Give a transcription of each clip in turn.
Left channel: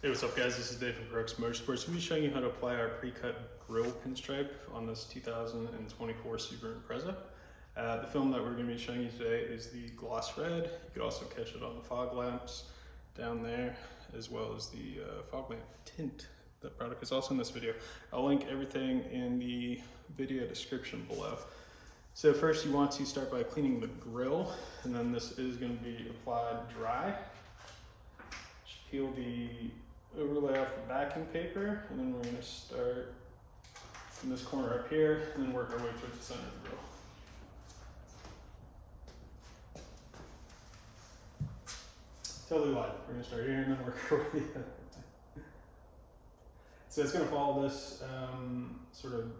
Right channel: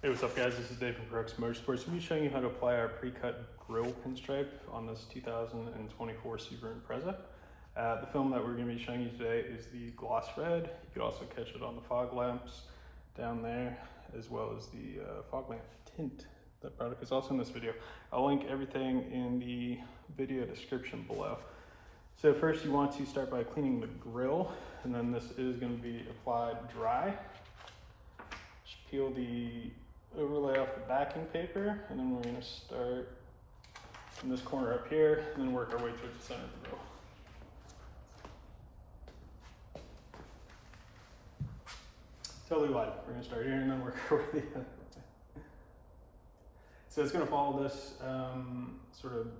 Hey, what's up guys? This is Dave from Crux Moto. We'll be showing you how to apply our pre-cut Grille pinstripe on this 2024 Subaru Impreza. The film that we're going to be showing you today is the gloss red. You can also catch it on the fog lamps down there, as well as the fog lamp tint. That product is also in this video. I'll link everything in the video description below. So first you want to start by cleaning the grille, and then this is going to be applied dry. Just peel the overlay off the backing paper, and then we're going to start from this corner up here and then work our way towards the center of the grille. Totally live. We're going to start here and then work our way the other way. So it's going to follow this sort of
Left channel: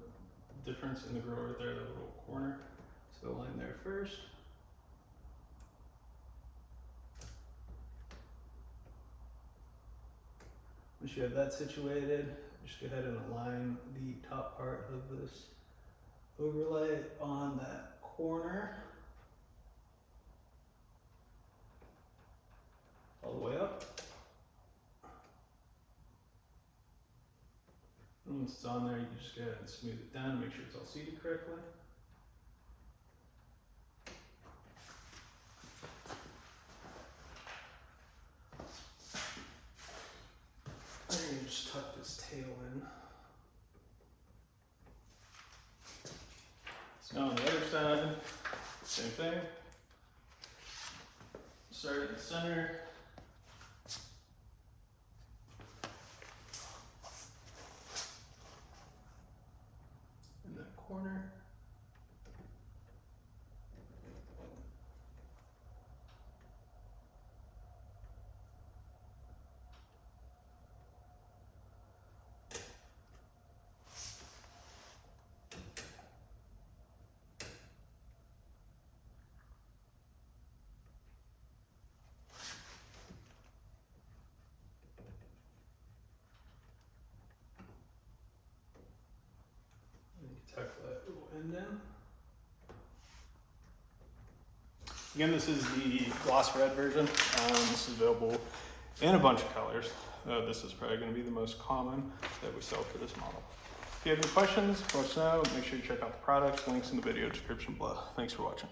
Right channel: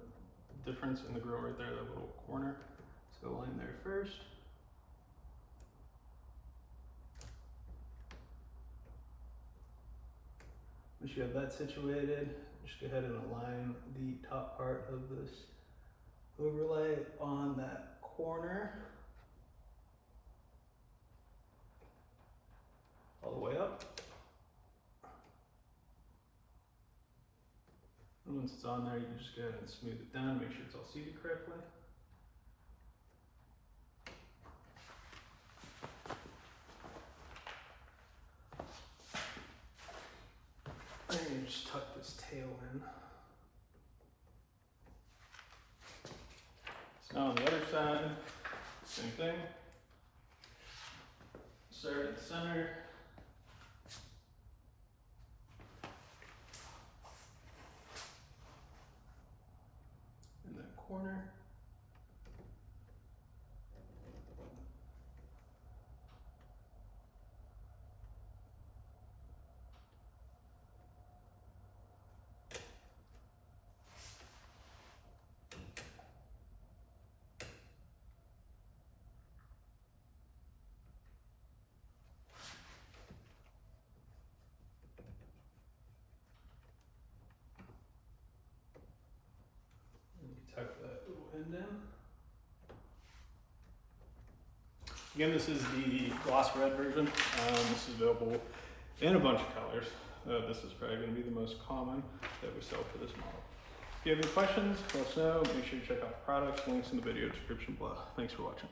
difference in the grille right there, that little corner. So line there first. Once you have that situated, just go ahead and align the top part of this overlay on that corner all the way up. And once it's on there, you can just go ahead and smooth it down and make sure it's all seated correctly. And just tuck this tail in. So now on the other side, same thing. Start at the center. In that corner. Tuck that little end in. Again, this is the gloss red version. This is available in a bunch of colors. This is probably going to be the most common that we sell for this model. If you have any questions, let us know. Make sure you check out the products. Links in the video description below. Thanks for watching.